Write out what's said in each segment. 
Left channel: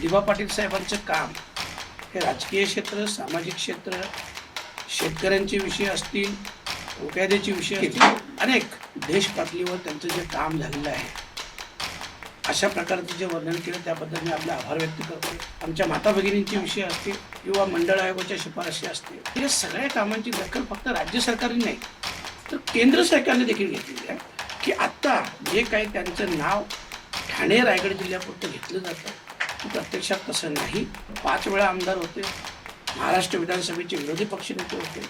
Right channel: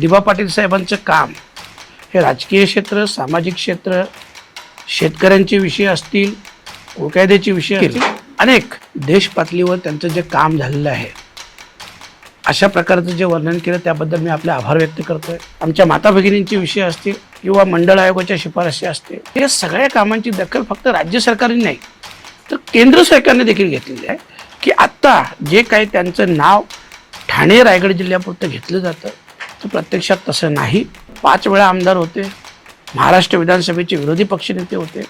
दिबा पाटील साहेबांचं काम हे राजकीय क्षेत्र सामाजिक क्षेत्र शेतकऱ्यांचे विषय असतील कायद्याचे विषय असतील अनेक देश पातळीवर त्यांचं जे काम झालेलं आहे अशा प्रकारचं जे वर्णन केलं त्याबद्दल मी आपले आभार व्यक्त करतोय. आमच्या माता भगिनींचे विषय असतील किंवा मंडळ आयोगाच्या शिफारशी असतील या सगळ्या कामांची दखल फक्त राज्य सरकारने नाही तर केंद्र सरकारने देखील घेतलेली आहे की आत्ता जे काही त्यांचं नाव ठाणे रायगड जिल्ह्यापुरतं घेतलं जातं प्रत्यक्षात तसं नाही. पाच वेळा आमदार होते. महाराष्ट्र विधानसभेचे विरोधी पक्षनेते होते.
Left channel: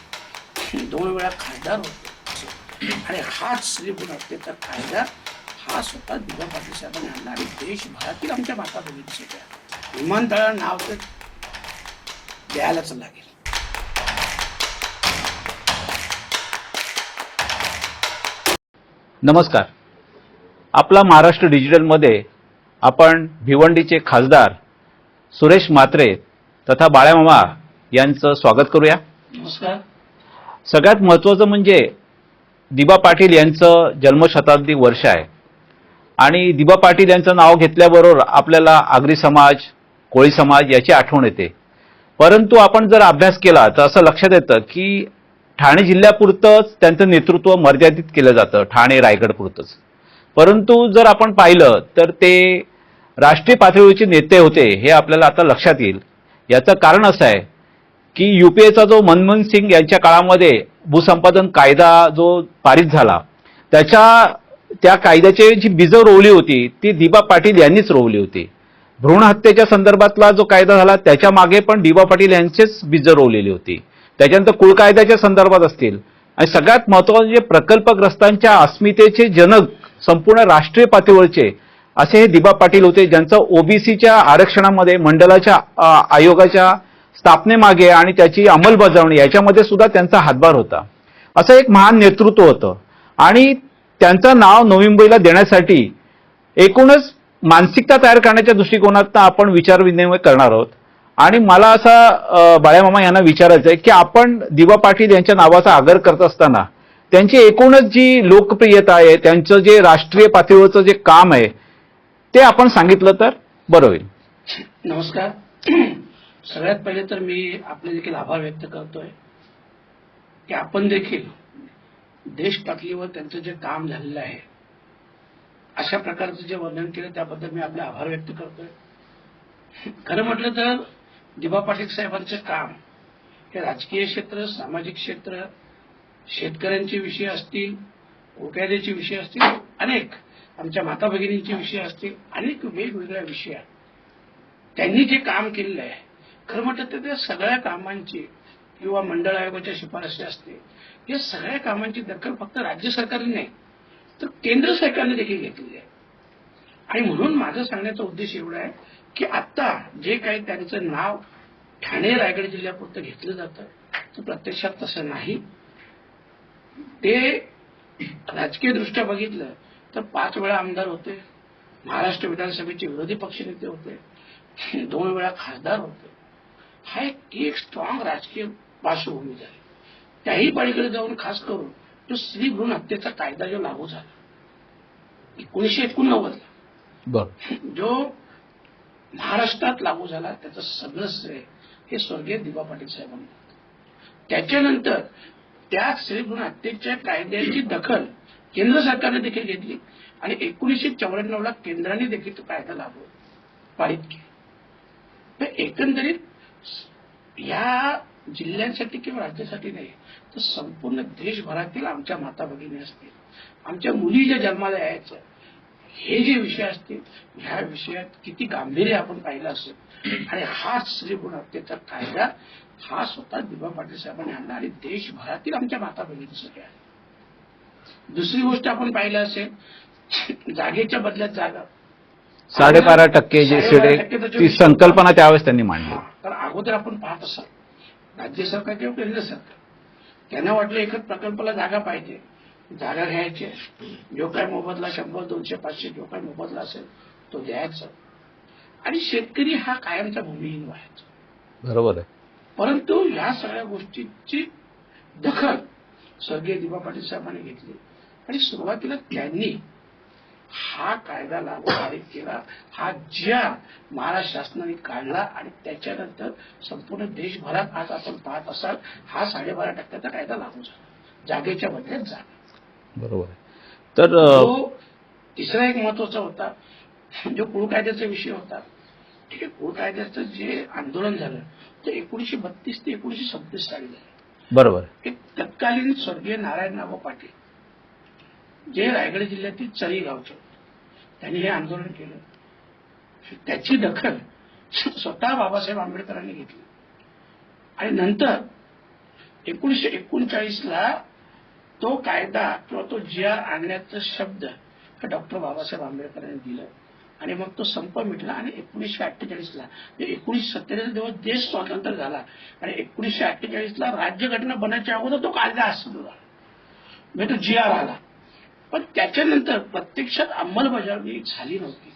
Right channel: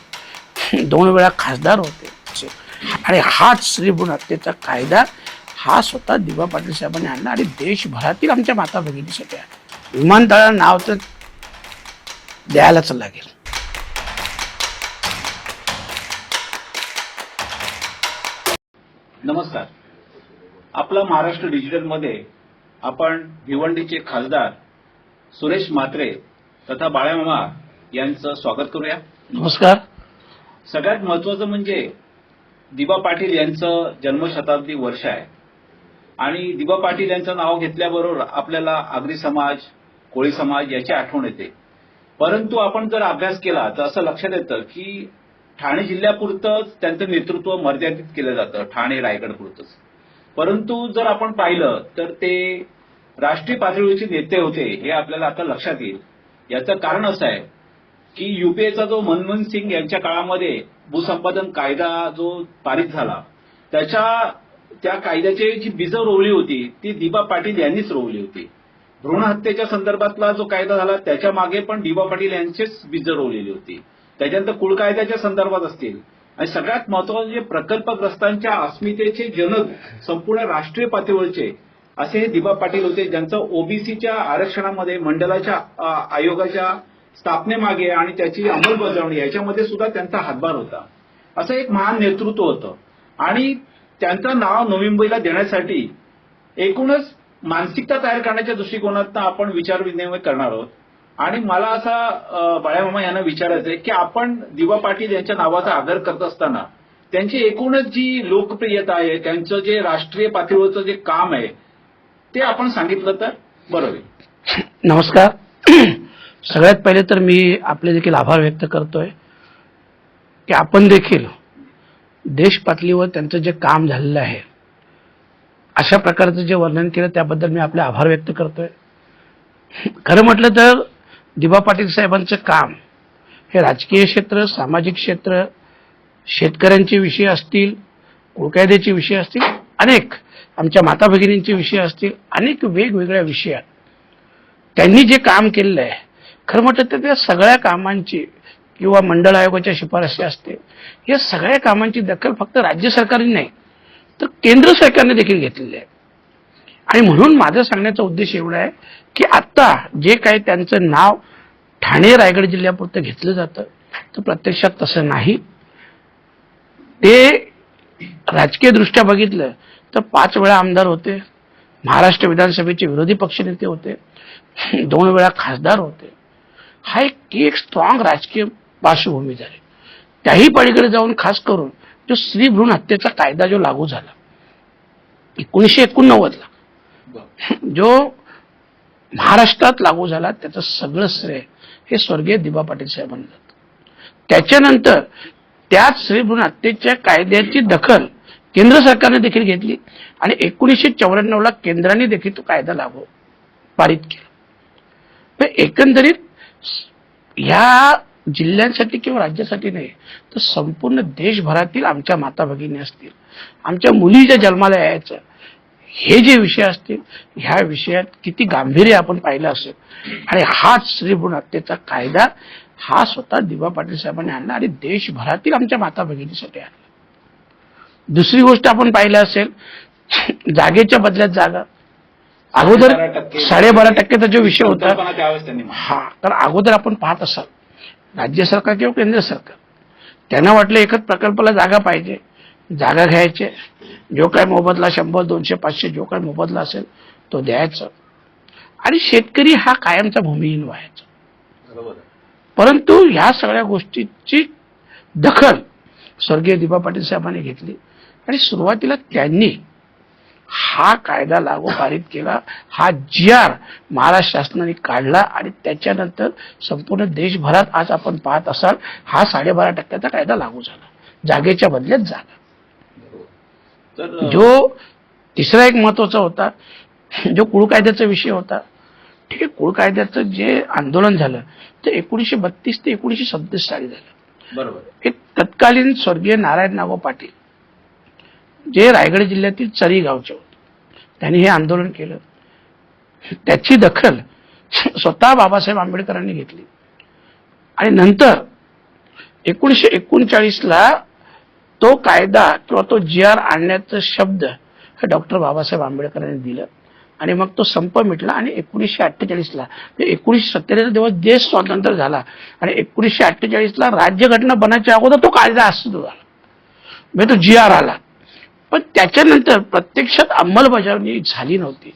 दोन वेळा खासदार होते. आणि हाच श्रीभून हत्येचा कायदा हा स्वतः दिवा पाटील साहेबांनी आणला आणि देशभरातील आमच्या माता भगिनी आहे विमानतळाला नाव तर द्यायलाच लागेल. नमस्कार. आपला महाराष्ट्र डिजिटलमध्ये आपण भिवंडीचे खासदार सुरेश म्हात्रे तथा बाळ्यामामा यांचं स्वागत करूया. नमस्कार. सगळ्यात महत्त्वाचं म्हणजे दिबा पाटील यांचं जन्मशताब्दी वर्ष आहे. आणि दिबा पाटील यांचं नाव घेतल्याबरोबर आपल्याला आगरी समाज कोळी समाज याची आठवण येते. परंतु आपण जर अभ्यास केला तर असं लक्षात येतं की ठाणे जिल्ह्यापुरतंच त्यांचं नेतृत्व मर्यादित केलं जातं ठाणे रायगड पुरतंच परंतु जर आपण पाहिलं तर ते राष्ट्रीय पातळीवरचे नेते होते हे आपल्याला आता लक्षात येईल. याचं कारण असं आहे की युपीएचा जो मनमोहन सिंग यांच्या काळामध्ये भूसंपादन कायदा जो पारित झाला त्याच्या त्या कायद्याची जी बीजं रोवली होती ती दिबा पाटील यांनीच रोवली होती. भ्रूण हत्येच्या संदर्भातला जो कायदा झाला त्याच्यामागे पण दिबा पाटील यांचीच बीजं रोवलेली होती. त्याच्यानंतर कुळ कायद्याच्या संदर्भात असतील. आणि सगळ्यात महत्त्वाचे जे प्रकल्पग्रस्तांच्या अस्मितेचे जनक संपूर्ण राष्ट्रीय पातळीवरचे असे दिबा पाटील होते ज्यांचं ओबीसीच्या आरक्षणामध्ये मंडळाच्या आयोगाच्या स्थापनेमागे आणि त्याची अंमलबजावणी याच्यामध्ये सुद्धा त्यांचा हातभार होता. असं एक महान नेतृत्व होतं. आणि त्यांचं नाव नवी मुंबईला देण्यासाठी एकूणच मानसिकता तयार करण्याच्या दृष्टिकोनात आपण विचार विनिमय करणार आहोत. आणि मला असा बाळ्यामामा यांना विचारायचं आहे की आपण दिवा पाटील यांच्या नावाचा आदर करत असताना त्यांची एकूणच जी लोकप्रियता आहे त्यांचं जे राष्ट्रीय पातळीवरचं जे काम आहे ते आपण सांगितलं तर बरं होईल. नमस्कार. सगळ्यात पहिले तर मी आपले देखील आभार व्यक्त करतोय की आपण देखील देश पातळीवर त्यांचं जे काम झालेलं आहे अशा प्रकारचं जे वर्णन केलं त्याबद्दल मी आपले आभार व्यक्त करतोय. खरं म्हटलं तर दिबा पाटील साहेबांचं काम हे राजकीय क्षेत्र सामाजिक क्षेत्र शेतकऱ्यांचे विषय असतील कुळकायद्याचे विषय असतील अनेक आमच्या माता भगिनींचे विषय असतील अनेक वेगवेगळ्या विषयात त्यांनी जे काम केलेलं आहे खरं म्हटलं तर त्या सगळ्या कामांची किंवा मंडळ आयोगाच्या शिफारशी असते या सगळ्या कामांची दखल फक्त राज्य सरकारने नाही तर केंद्र सरकारने देखील घेतलेली आहे. आणि म्हणून माझं सांगण्याचा उद्देश एवढा आहे की आत्ता जे काही त्यांचं नाव ठाणे रायगड जिल्ह्यापुरतं घेतलं जातं तर प्रत्यक्षात तसं नाही. ते राजकीय दृष्ट्या बघितलं तर पाच वेळा आमदार होते. महाराष्ट्र विधानसभेचे विरोधी पक्षनेते होते. दोन वेळा खासदार होते. हा एक एक स्ट्रॉंग राजकीय पार्श्वभूमी झाली. त्याही पलीकडे जाऊन खास करून जो स्त्री भ्रूण हत्येचा कायदा जो लागू झाला एकोणीसशे एकोणनव्वदला जो महाराष्ट्रात लागू झाला त्याचं सगळं श्रेय हे स्वर्गीय दिबा पाटील साहेबांना. त्याच्यानंतर त्याच श्रीभ्रूण हत्येच्या कायद्याची दखल केंद्र सरकारने देखील घेतली. आणि एकोणीसशे चौऱ्याण्णवला केंद्राने देखील तो कायदा लागू पारित केला. तर एकंदरीत ह्या जिल्ह्यांसाठी किंवा राज्यासाठी नाही तर संपूर्ण देशभरातील आमच्या माता भगिनी असतील आमच्या मुली ज्या जन्माला यायचं हे जे विषय असतील ह्या विषयात किती गांभीर्य आपण पाहिलं असेल. आणि हाच श्रीभूण हत्येचा कायदा हा स्वतः दिवा पाटील साहेबांनी आणला आणि देशभरातील आमच्या माता भगिनीसाठी आणला. दुसरी गोष्ट आपण पाहिलं असेल जागेच्या बदल्यात जागा. साडेबारा टक्के साडेबारा टक्केचा जो विषय संकल्पना त्यावेळेस त्यांनी हा कारण अगोदर आपण पाहत असाल राज्य सरकार किंवा केंद्र सरकार त्यांना वाटलं एकच प्रकल्पाला जागा पाहिजे. जागा घ्यायचे. जो काय मोबदला शंभर दोनशे पाचशे जो काय मोबदला असेल तो द्यायचा. आणि शेतकरी हा कायमचा भूमिहीन व्हायचा. बरोबर आहे. परंतु ह्या सगळ्या गोष्टीची दखल स्वर्गीय दिबा पाटील साहेबांनी घेतली. आणि सुरुवातीला त्यांनी हा कायदा लागू पारित केला हा जी आर महाराष्ट्र शासनाने काढला आणि त्याच्यानंतर संपूर्ण देशभरात आज आपण पाहत असाल हा साडेबारा टक्क्याचा कायदा लागू झाला. जागेच्या बदल्यात जागा बरोबर. तर जो तिसरा एक महत्त्वाचा होता जो कुळ कायद्याचा विषय होता ठीक आहे कुळ कायद्याचं जे आंदोलन झालं ते एकोणीसशे बत्तीस ते एकोणीसशे सदतीस साली झालं. बरोबर. हे तत्कालीन स्वर्गीय नारायण नाव पाटील जे रायगड जिल्ह्यातील चरी गावचे होते. त्यांनी हे आंदोलन केलं. त्याची दखल स्वतः बाबासाहेब आंबेडकरांनी घेतली. आणि नंतर एकोणीसशे एकोणचाळीसला तो कायदा किंवा तो जी आर आणण्याचं शब्द हे डॉक्टर बाबासाहेब आंबेडकरांनी दिलं. आणि मग तो संप मिटला आणि एकोणीसशे अठ्ठेचाळीसला म्हणजे एकोणीसशे सत्तेचाळीस दिवस देश स्वातंत्र्य झाला आणि एकोणीसशे अठ्ठेचाळीसला राज्यघटना बनायच्या अगोदर तो कायदा अस्तित्व झाला म्हणजे तो जी आर आला. पण त्याच्यानंतर प्रत्यक्षात अंमलबजावणी झाली नव्हती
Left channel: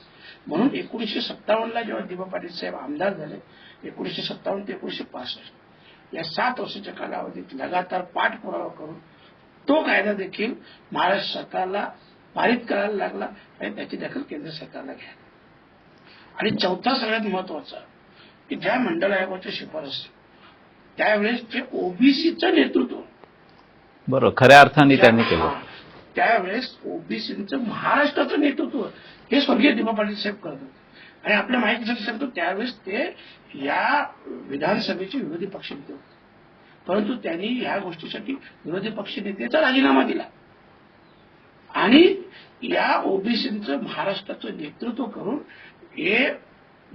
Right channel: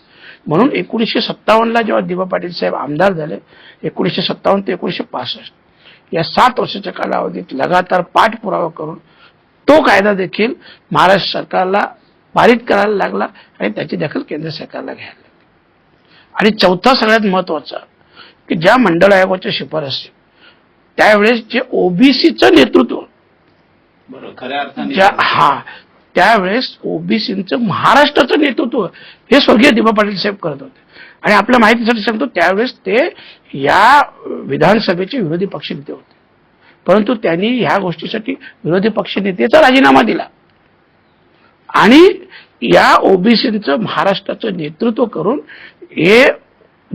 म्हणून एकोणीसशे सत्तावन्नला जेव्हा दिबा पाटील साहेब आमदार झाले एकोणीसशे सत्तावन्न ते एकोणीसशे पासष्ट या सात वर्षाच्या कालावधीत लगातार पाठपुरावा करून तो कायदा देखील महाराष्ट्र सरकारला पारित करायला लागला आणि त्याची दखल केंद्र सरकारला घ्यायला लागली. आणि चौथा सगळ्यात महत्त्वाचा की ज्या मंडळ आयोगाच्या शिफारसी त्यावेळेस जे ओबीसीचं नेतृत्व बरोबर खऱ्या अर्थाने. हा त्यावेळेस ओबीसींचं महाराष्ट्राचं नेतृत्व हे स्वर्गीय दिबा पाटील साहेब करत होते. आणि आपल्या माहितीसाठी सांगतो त्यावेळेस ते या विधानसभेचे विरोधी पक्षनेते होते. परंतु त्यांनी ह्या गोष्टीसाठी विरोधी पक्षनेतेचा राजीनामा दिला. आणि या ओबीसींचं महाराष्ट्राचं नेतृत्व करून हे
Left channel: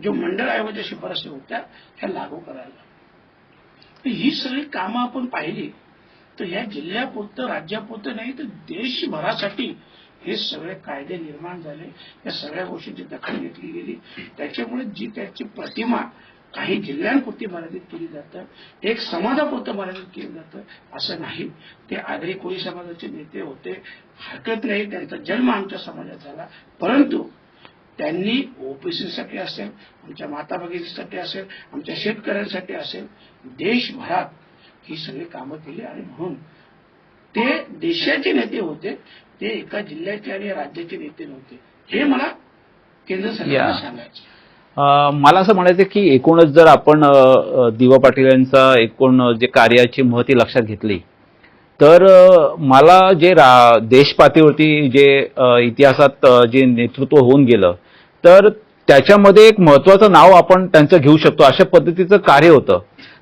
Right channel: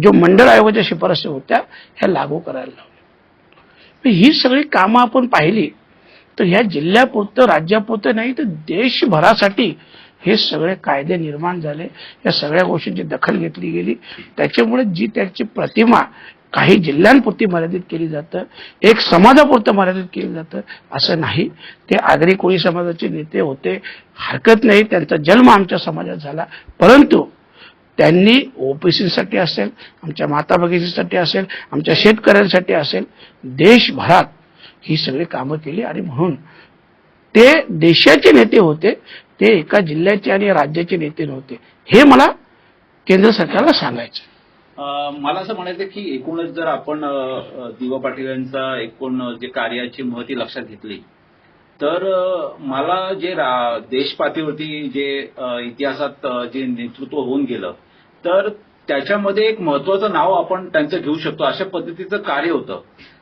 जो मंडळ आयोगाच्या शिफारसी होत्या ह्या लागू करायला लावल्या. ही सगळी कामं आपण पाहिली. तर ह्या जिल्ह्यापुरतं राज्यापुरतं नाही तर देशभरासाठी हे सगळे कायदे निर्माण झाले. या सगळ्या गोष्टींची दखल घेतली गेली. त्याच्यामुळे जी त्याची प्रतिमा काही जिल्ह्यांपुरती मर्यादित केली जातं एक समाजापुरतं मर्यादित केलं जातं असं नाही. ते आगरी कोळी समाजाचे नेते होते. हरकत नाही त्यांचा जन्म आमच्या समाजात झाला. परंतु त्यांनी ओबीसीसाठी असेल आमच्या माता भगिनीसाठी असेल आमच्या शेतकऱ्यांसाठी असेल देशभरात ही सगळी कामं केली आणि म्हणून ते देशाचे नेते होते ते एका जिल्ह्याचे आणि राज्याचे नेते नव्हते. हे मला केंद्र सरकारला. सांगायचं. मला असं म्हणायचं की एकूणच जर आपण दिवा पाटील यांचा एकूण जे कार्याची महती लक्षात घेतली तर मला जे रा देश पातळीवरती जे इतिहासात जे नेतृत्व होऊन गेलं तर त्याच्यामध्ये एक महत्वाचं नाव आपण त्यांचं घेऊ शकतो. अशा पद्धतीचं कार्य होतं.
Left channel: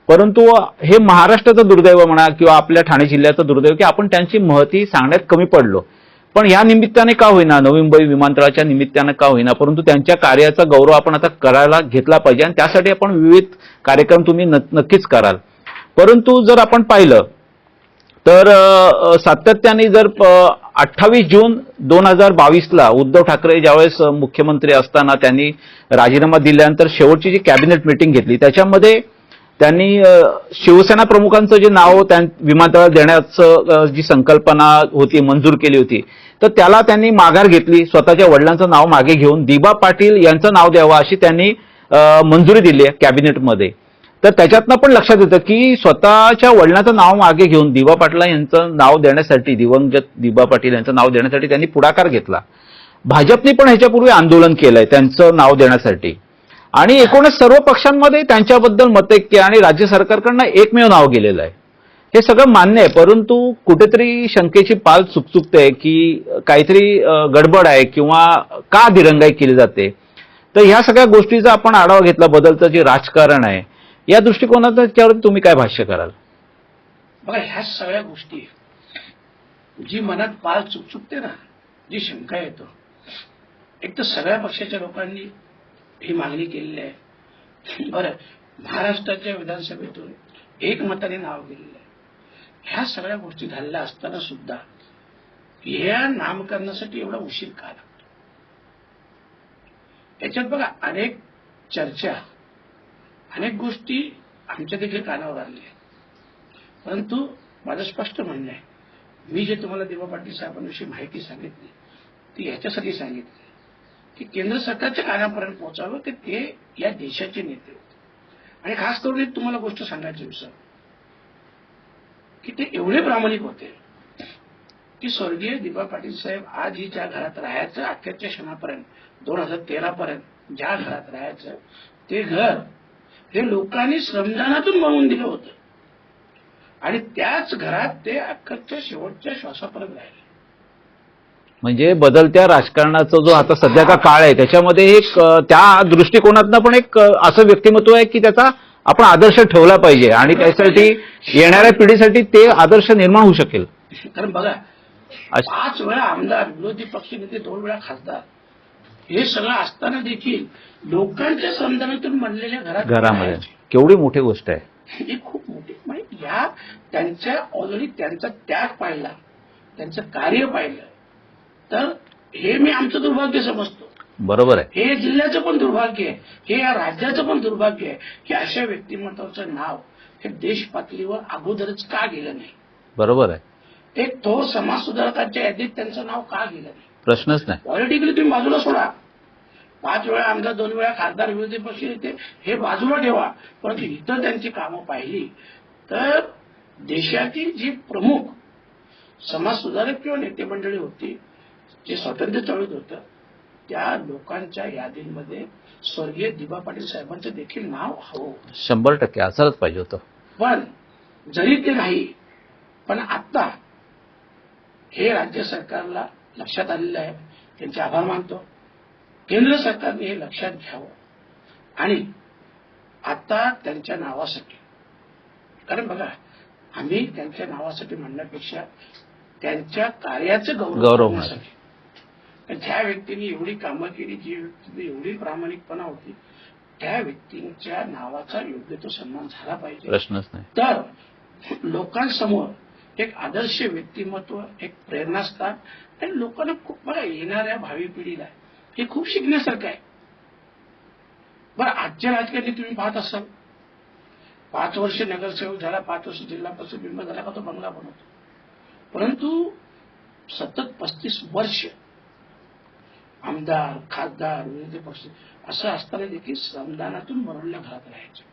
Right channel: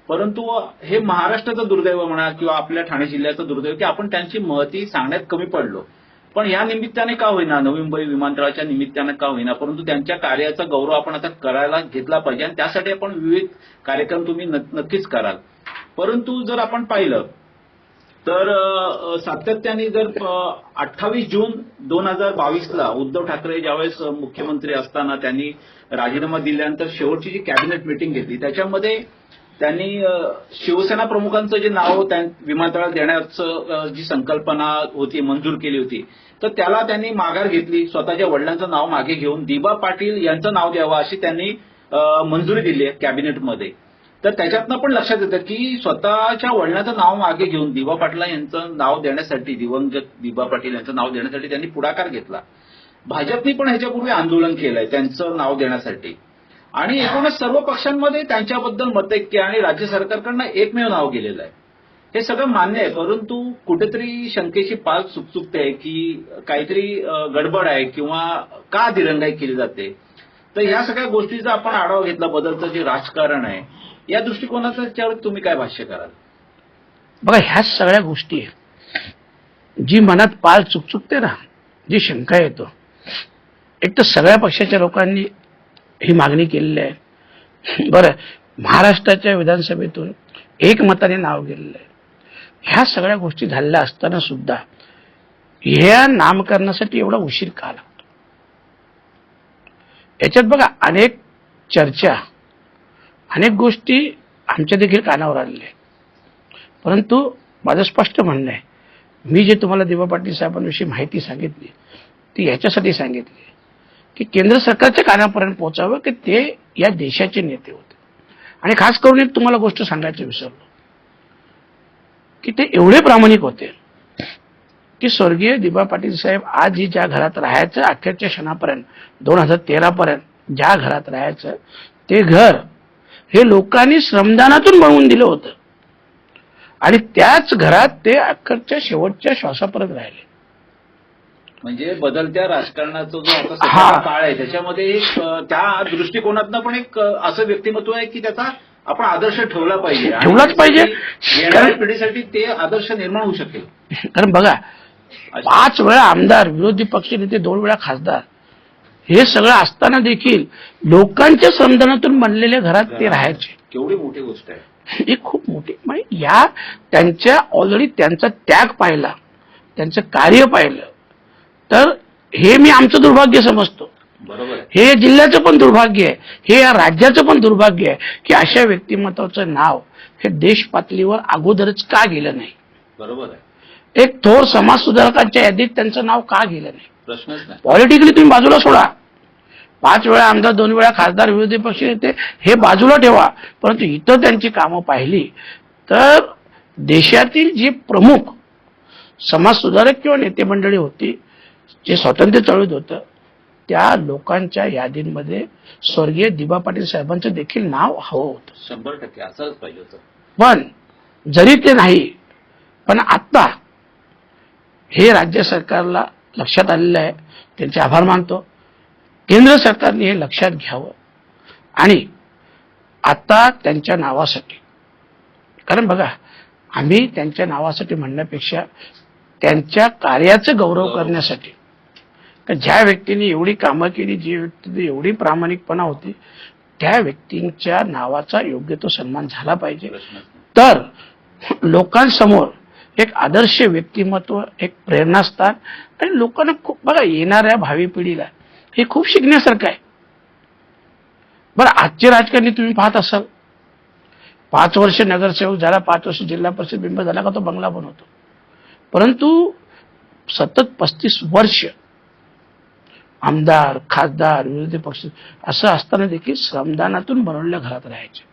परंतु हे महाराष्ट्राचं दुर्दैव म्हणा किंवा आपल्या ठाणे जिल्ह्याचं दुर्दैव की आपण त्यांची महती सांगण्यात कमी पडलो. पण या निमित्ताने का होईना नवी मुंबई विमानतळाच्या निमित्तानं का होईना परंतु त्यांच्या कार्याचा गौरव आपण आता करायला घेतला पाहिजे आणि त्यासाठी आपण विविध कार्यक्रम तुम्ही न- नक्कीच कराल. परंतु जर आपण पाहिलं तर सातत्याने जर अठ्ठावीस जून दोन हजार बावीसला उद्धव ठाकरे ज्यावेळेस मुख्यमंत्री असताना त्यांनी राजीनामा दिल्यानंतर शेवटची जी कॅबिनेट मिटिंग घेतली त्याच्यामध्ये त्यांनी शिवसेना प्रमुखांचं जे नाव त्या विमानतळात देण्याचं जी संकल्पना होती मंजूर केली होती तर त्याला त्यांनी माघार घेतली स्वतःच्या वडिलांचं नाव मागे घेऊन दिबा पाटील यांचं नाव द्यावं अशी त्यांनी मंजुरी दिली आहे कॅबिनेटमध्ये. तर त्याच्यातनं पण लक्षात येतं की स्वतःच्या वडिलांचं नाव मागे घेऊन दिबा पाटला यांचं नाव देण्यासाठी दिवंगत दिबा पाटील यांचं नाव देण्यासाठी त्यांनी पुढाकार घेतला. भाजपने पण ह्याच्यापूर्वी आंदोलन केलंय त्यांचं नाव देण्यासाठी. आणि एकूणच सर्व पक्षांमध्ये त्यांच्याबद्दल मतैक्य आणि राज्य सरकारकडनं एकमेव नाव गेलेलं आहे. हे सगळं मान्य आहे परंतु कुठेतरी शंकेची पाल चुकचुकते की काहीतरी गडबड आहे किंवा का दिरंगाई केली जाते. तर ह्या सगळ्या गोष्टीचा आपण आढावा घेतला बदलचं जे राजकारण आहे या दृष्टिकोनातून त्यावर तुम्ही काय भाष्य कराल? बघा ह्या सगळ्या गोष्टी आहेत जी मनात पाल चुकचुकते ना जी शंका येतो एक तर सगळ्या पक्षाच्या लोकांनी ही मागणी केलेली आहे. बरं महाराष्ट्राच्या विधानसभेतून एकमताने नाव गेलेलं आहे. ह्या सगळ्या गोष्टी झालेल्या असताना सुद्धा ह्या नामकरणासाठी एवढा उशीर का लागतो? याच्यात बघा अनेक चर्चा अनेक गोष्टी आमच्या देखील कानावर आलेल्या आहेत. परंतु माझं स्पष्ट म्हणणं आहे मी जे तुम्हाला दिवा पाटील साहेबांविषयी माहिती सांगितली ती याच्यासाठी सांगितली की केंद्र सरकारच्या कानापर्यंत पोहोचावं की ते या देशाचे नेते होते. आणि खास करून एक तुम्हाला गोष्ट सांगायचं विसरलो. की ते एवढे प्रामाणिक होते की स्वर्गीय दिबा पाटील साहेब आज ही ज्या घरात राहायचं अखेरच्या क्षणापर्यंत दोन हजार तेरा पर्यंत ज्या घरात राहायचं ते घर हे लोकांनी श्रमदानातून बनवून दिलं होतं. आणि त्याच घरात ते अखेरच्या शेवटच्या श्वासापर्यंत राहिले. म्हणजे बदलत्या राजकारणाचा जो आता सध्याचा. काळ आहे त्याच्यामध्ये एक त्या दृष्टिकोनातनं पण एक असं व्यक्तिमत्व आहे की त्याचा आपण आदर्श ठेवला पाहिजे आणि त्यासाठी. येणाऱ्या पिढीसाठी ते आदर्श निर्माण होऊ शकेल कारण बघा पाच वेळा आमदार विरोधी पक्ष नेते दोन वेळा खासदार हे सगळं असताना देखील लोकांच्या श्रमदानातून बनलेल्या घरात. राहायचे केवढी मोठी गोष्ट आहे ही खूप मोठी म्हणजे या त्यांच्या ऑलरेडी त्यांचा त्याग पाहिला त्यांचं कार्य पाहिलं तर हे मी आमचं दुर्भाग्य समजतो. बरोबर आहे. हे जिल्ह्याचं पण दुर्भाग्य आहे. हे या राज्याचं पण दुर्भाग्य आहे की अशा व्यक्तिमत्वाचं नाव हे देश पातळीवर अगोदरच का गेलं नाही? बरोबर आहे. एक थोर समाज सुधारकांच्या यादीत त्यांचं नाव का गेलं नाही? प्रश्नच नाही. पॉलिटिकली तुम्ही बाजूला सोडा. पाच वेळा आमदार दोन वेळा खासदार विरोधी पक्ष नेते हे बाजूला ठेवा. परंतु इथं त्यांची कामं पाहिली तर देशातील जी प्रमुख समाज सुधारक किंवा नेते मंडळी होती जे स्वातंत्र्य चळवळीत होतं त्या लोकांच्या यादींमध्ये स्वर्गीय दिबा पाटील साहेबांचं देखील नाव हवं होतं. शंभर टक्के असंच पाहिजे होतं. पण जरी ते नाही पण आता हे राज्य सरकारला लक्षात आलेलं आहे. त्यांचे आभार मानतो. केंद्र सरकारने हे लक्षात घ्यावं. आणि आता त्यांच्या नावासाठी कारण बघा आम्ही त्यांच्या नावासाठी म्हणण्यापेक्षा त्यांच्या कार्याचं गौरव. करण्यासाठी ज्या व्यक्तीने एवढी कामं केली जी व्यक्ती एवढी प्रामाणिकपणा होती त्या व्यक्तींच्या नावाचा योग्य तो सन्मान झाला पाहिजे. तर लोकांसमोर एक आदर्श व्यक्तिमत्व एक प्रेरणास्थान आणि लोकांना खूप बघा येणाऱ्या भावी पिढीला हे खूप शिकण्यासारखं आहे. बरं आजचे राजकारणी तुम्ही पाहत असाल. पाच वर्ष नगरसेवक झाला पाच वर्ष जिल्हा परिषद बिंब झाला का तो बंगला बनवतो. परंतु सतत पस्तीस वर्ष आमदार खासदार विरोधी पक्ष असं असताना देखील श्रमदानातून बनवलेल्या घरात राहायचे.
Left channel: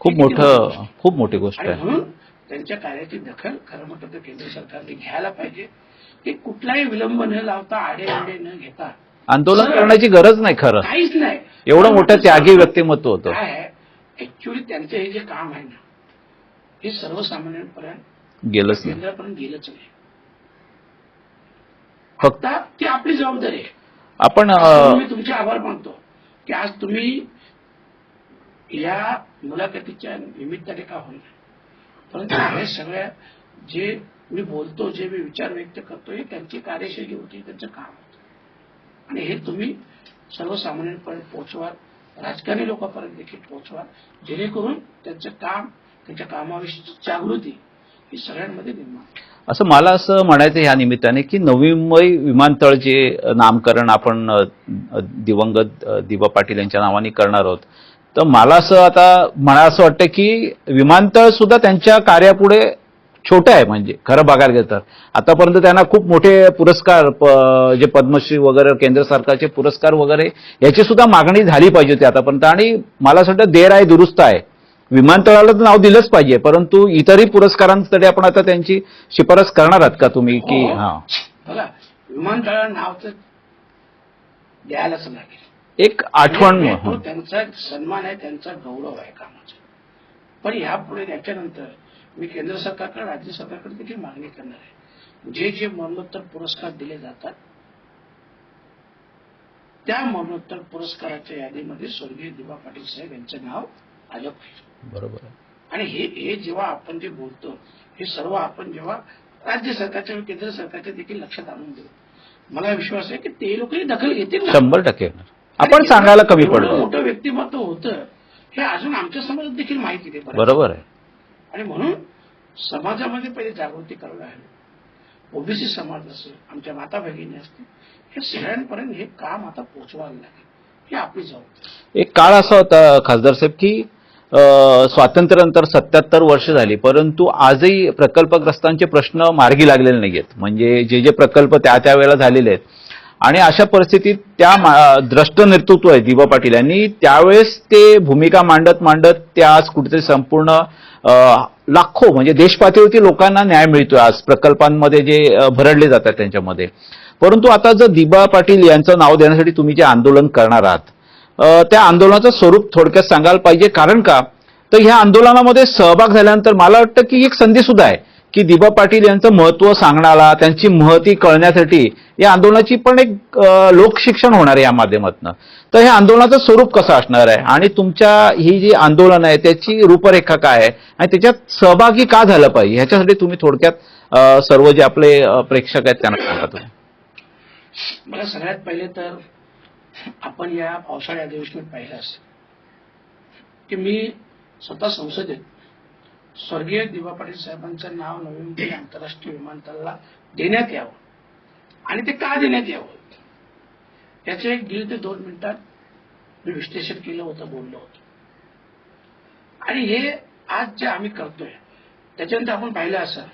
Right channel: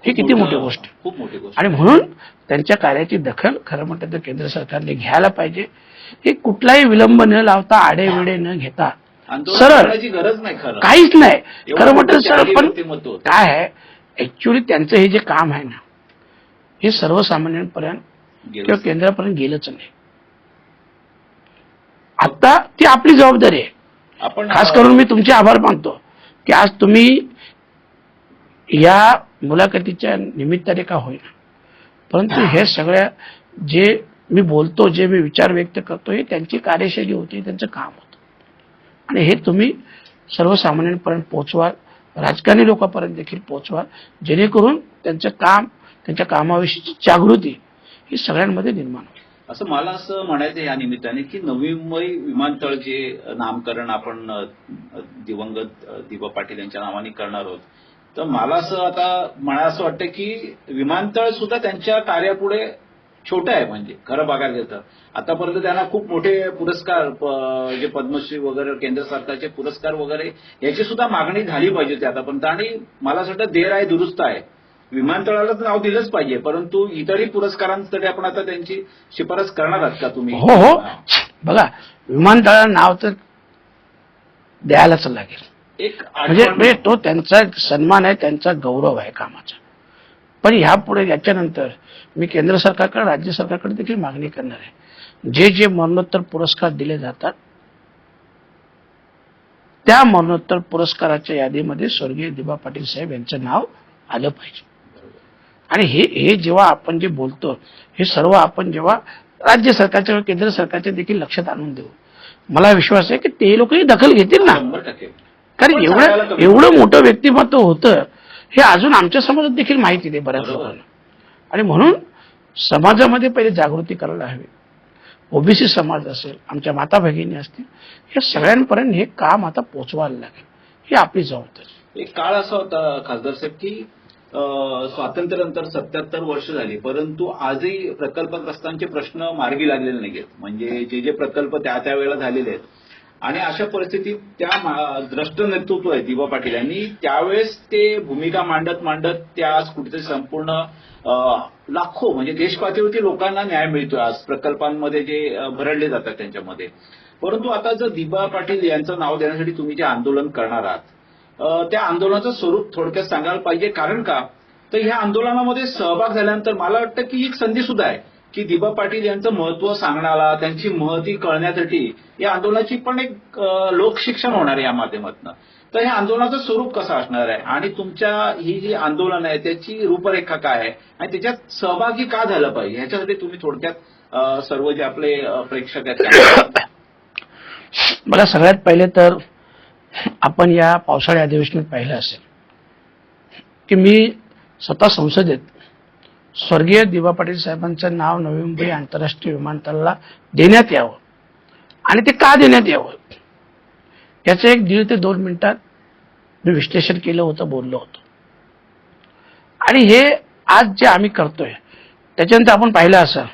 खूप मोठी. खूप मोठी गोष्ट आणि. म्हणून त्यांच्या कार्याची दखल खरं म्हटलं तर केंद्र सरकारने घ्यायला पाहिजे. की कुठलाही विलंब न लावता आडेविडे न घेता आंदोलन. करण्याची गरज नाही खरं. काहीच नाही. एवढं मोठं त्यागी व्यक्तिमत्व होतं. काय आहे? ऍक्च्युली त्यांचं हे जे काम आहे ना हे सर्वसामान्यांपर्यंत गेलं केंद्रापर्यंत गेलंच नाही. आता ती आपली जबाबदारी आहे. आपण खास करून मी तुमचे आभार मानतो की आज तुम्ही या मुलाखतीच्या निमित्ताने का होईना. परंतु हे सगळ्या जे मी बोलतो जे मी विचार व्यक्त करतो हे त्यांची कार्यशैली होती त्यांचं काम होतं. आणि हे तुम्ही सर्वसामान्यांपर्यंत पोहोचवाल राजकारणी लोकांपर्यंत देखील पोहोचवाल जेणेकरून त्यांचं काम त्यांच्या कामाविषयीची जागृती ही सगळ्यांमध्ये निर्माण होईल. असं मला असं म्हणायचं ह्या निमित्ताने की नवी मुंबई विमानतळ जे नामकरण आपण दिवंगत दिवा पाटील यांच्या नावाने करणार आहोत. तर मला असं आता मला असं वाटतं की विमानतळ सुद्धा त्यांच्या कार्यापुढे छोटं आहे म्हणजे खरं बघायला गेलं तर. आतापर्यंत त्यांना खूप मोठे पुरस्कार प- जे पद्मश्री वगैरे केंद्र सरकारचे पुरस्कार वगैरे याची सुद्धा मागणी झाली पाहिजे होती आतापर्यंत. आणि मला असं वाटतं देर आहे दुरुस्त आहे. विमानतळाला तर नाव दिलंच पाहिजे परंतु इतरही पुरस्कारांसाठी आपण आता त्यांची शिफारस करणार आहात का तुम्ही? हो हो. हा. बघा विमानतळाला नाव तर द्यायलाच लागेल. एक म्हणजे आठवण म्हणजे तो त्यांचा सन्मान आहे त्यांचा गौरव आहे कामाचा. पण ह्यापुढे याच्यानंतर मी केंद्र सरकारकडे राज्य सरकारकडे देखील मागणी करणार आहे. जे जे मरणोत्तर पुरस्कार दिले जातात त्या मरणोत्तर पुरस्काराच्या यादीमध्ये स्वर्गीय दिबा पाटील साहेब यांचं नाव आलं पाहिजे. बरोबर. आणि हे हे जेव्हा आपण जे बोलतो हे सर्व आपण जेव्हा राज्य सरकारच्या केंद्र सरकारच्या देखील लक्षात आणून देऊ. मला विश्वास आहे की ते लोकही दखल घेतील ना. शंभर टक्के. एवढं. मोठं व्यक्तिमत्व होतं हे अजून आमच्या समाजात देखील माहिती नाही बरं बरोबर आहे. आणि म्हणून समाजामध्ये पहिले जागृती करायला हवी. ओबीसी समाज असेल आमच्या माता भगिनी असतील हे सगळ्यांपर्यंत हे काम आता पोहोचवायला लागेल. ही आपली जबाबदारी. एक काळ असा होता खासदार साहेब की स्वातंत्र्यानंतर सत्याहत्तर वर्ष झाली परंतु आजही प्रकल्पग्रस्तांचे प्रश्न मार्गी लागलेले नाही आहेत म्हणजे जे जे प्रकल्प त्या त्या वेळेला झालेले आहेत. आणि अशा परिस्थितीत त्या मा- द्रष्ट नेतृत्व आहे दिबा पाटील यांनी त्यावेळेस ते भूमिका मांडत मांडत ते आज कुठेतरी संपूर्ण लाखो म्हणजे देशपातळीवरती लोकांना न्याय मिळतोय आज. प्रकल्पांमध्ये जे भरडले जातात त्यांच्यामध्ये. परंतु आता जर दिबा पाटील यांचं नाव देण्यासाठी तुम्ही जे आंदोलन करणार आहात त्या आंदोलनाचं स्वरूप थोडक्यात सांगायला पाहिजे. कारण का? तर ह्या आंदोलनामध्ये सहभाग झाल्यानंतर मला वाटतं की एक संधी सुद्धा आहे की दिबा पाटील यांचं महत्त्व सांगण्याला त्यांची महती कळण्यासाठी या आंदोलनाची पण एक लोकशिक्षण होणार आहे या माध्यमातून. तर हे आंदोलनाचं स्वरूप कसं असणार आहे? आणि तुमच्या ही जी आंदोलन आहे त्याची रूपरेखा काय आहे? आणि त्याच्यात सहभागी का झालं पाहिजे? ह्याच्यासाठी तुम्ही थोडक्यात सर्व जे आपले प्रेक्षक आहेत त्यांना मला सगळ्यात पहिले तर आपण या पावसाळी अधिवेशनात पाहिलं असेल की मी स्वतः संसदेत स्वर्गीय दिवा पाटील साहेबांचं नाव नवी मुंबई आंतरराष्ट्रीय विमानतळाला देण्यात यावं आणि ते का देण्यात यावं? याचं एक दीड ते दोन मिनिटात मी विश्लेषण केलं होतं बोललो होतो. आणि हे आज जे आम्ही करतोय त्याच्यानंतर आपण पाहिलं असं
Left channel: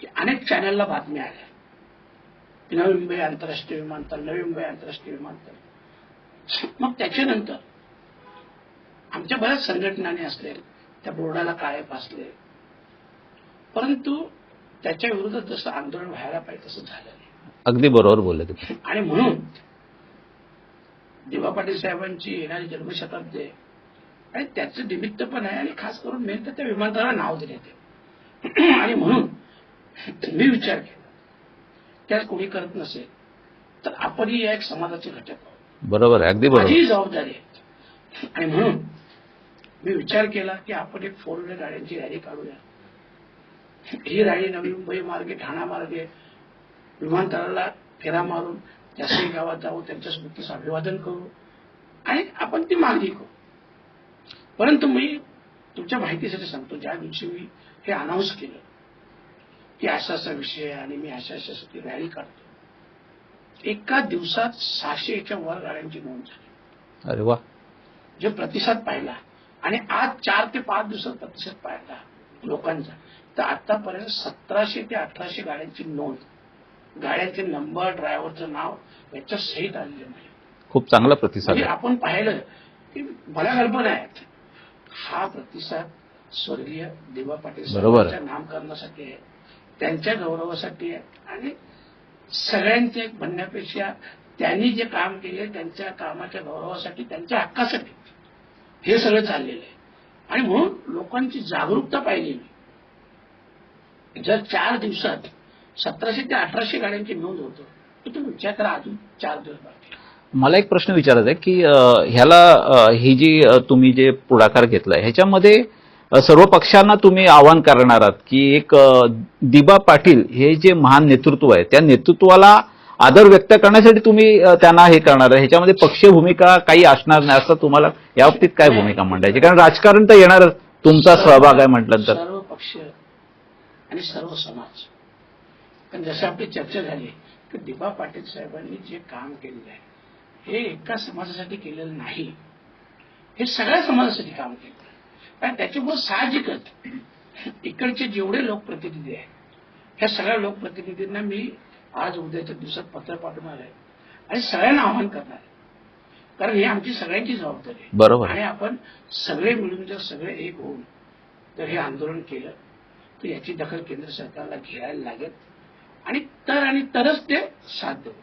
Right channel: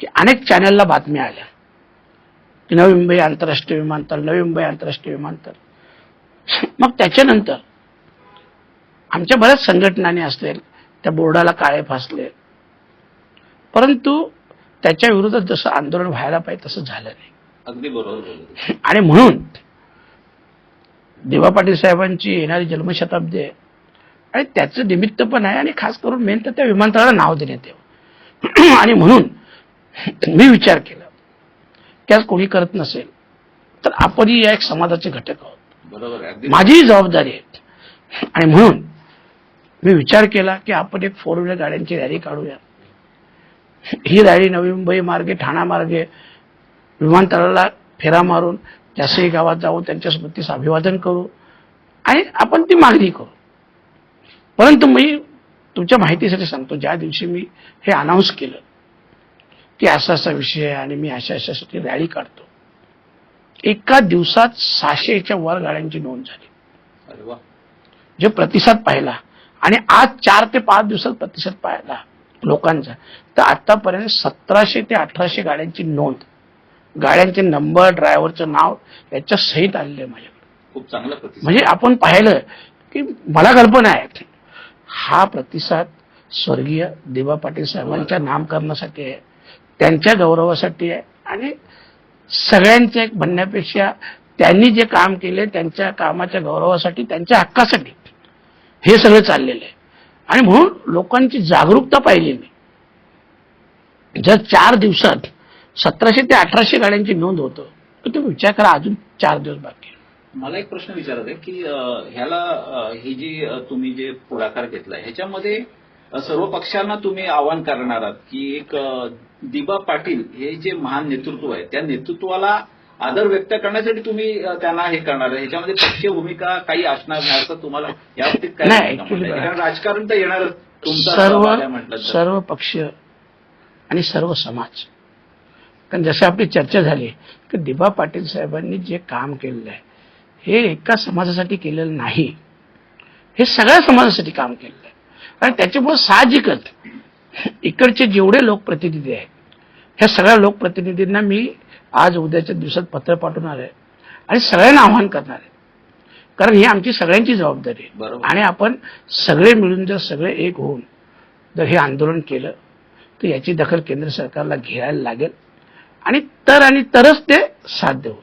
की अनेक चॅनलला बातम्या आल्या. की नवी मुंबई आंतरराष्ट्रीय विमानतळ नवी मुंबई आंतरराष्ट्रीय विमानतळ. मग त्याच्यानंतर आमच्या बऱ्याच संघटनाने असतील त्या बोर्डाला काळे फासले. परंतु त्याच्या विरोधात जसं आंदोलन व्हायला पाहिजे तसं झालं नाही. अगदी बरोबर बोलले तुम्ही. आणि म्हणून दिवा पाटील साहेबांची येणारी जन्मशताब्दी आहे आणि त्याचं निमित्त पण आहे आणि खास करून मेन तर त्या विमानतळाला नाव देण्यात यावं. आणि म्हणून मी विचार केला की आज कोणी करत नसेल तर आपणही या एक समाजाचे घटक आहोत. बरोबर आहे अगदी. माझीही जबाबदारी आहे. आणि म्हणून मी विचार केला की आपण एक फोर व्हीलर गाड्यांची रॅली काढूया. ही रॅली नवी मुंबई मार्गे ठाणा मार्गे विमानतळाला फेरा मारून जासई गावात जाऊन त्यांच्या स्मृतीस अभिवादन करू आणि आपण ती मागणी करू. परंतु मी तुमच्या माहितीसाठी सांगतो ज्या दिवशी मी हे अनाऊन्स केलं की असा असा विषय आहे आणि मी अशा अशासाठी रॅली काढतो. एका दिवसात सहाशेच्या वर गाड्यांची नोंद झाली. अरे वा. जे प्रतिसाद पाहिला आणि आज चार ते पाच दिवसात प्रतिसाद पाहिला लोकांचा. तर आतापर्यंत सतराशे ते अठराशे गाड्यांची नोंद गाड्यांचे नंबर ड्रायव्हरचं नाव याच्या सहित आलेले माझ्या खूप चांगला प्रतिसाद म्हणजे आपण पाहिलं की मला कल्पना आहे हा प्रतिसाद स्वर्गीय देवा पाटील साहेबांच्या नामकरणासाठी आहे त्यांच्या गौरवासाठी आहे आणि सगळ्यांच्या एक म्हणण्यापेक्षा त्यांनी जे काम केले त्यांच्या कामाच्या गौरवासाठी त्यांच्या हक्कासाठी. हे सगळं चाललेलं आहे. आणि म्हणून लोकांची जागरूकता पाहिजे नाही. जर चार दिवसात सतराशे ते अठराशे गाड्यांची नोंद होतं तर तुम्ही विचार करा अजून चार दिवस बाकी मला एक प्रश्न विचारायचा आहे की ह्याला ही जी तुम्ही जे पुढाकार घेतला ह्याच्यामध्ये सर्व पक्षांना तुम्ही आवाहन करणार आहात की एक दिबा पाटील हे जे महान नेतृत्व आहे त्या नेतृत्वाला आदर व्यक्त करण्यासाठी तुम्ही त्यांना हे करणार आहे. ह्याच्यामध्ये पक्षीय भूमिका काही असणार नाही असं तुम्हाला या बाबतीत काय. भूमिका मांडायची कारण राजकारण तर येणार तुमचा सहभाग आहे म्हटलं तर. सर्व पक्ष आणि सर्व समाज. कारण जसं आपली चर्चा झाली की दिबा पाटील साहेबांनी जे काम केलेलं आहे हे एका समाजासाठी केलेलं नाही. हे सगळ्या समाजासाठी काम केलेलं आहे. आणि त्याच्यामुळे साहजिकच इकडचे जेवढे लोकप्रतिनिधी आहेत ह्या सगळ्या लोकप्रतिनिधींना मी आज उद्याच्या दिवसात पत्र पाठवणार आहे आणि सगळ्यांना आव्हान करणार आहे. कारण ही आमची सगळ्यांची जबाबदारी बरोबर. आणि आपण सगळे मिळून जर सगळे एक होऊन जर हे आंदोलन केलं तर याची दखल केंद्र सरकारला घ्यायला लागेल आणि तर आणि तरच ते साध्य होईल.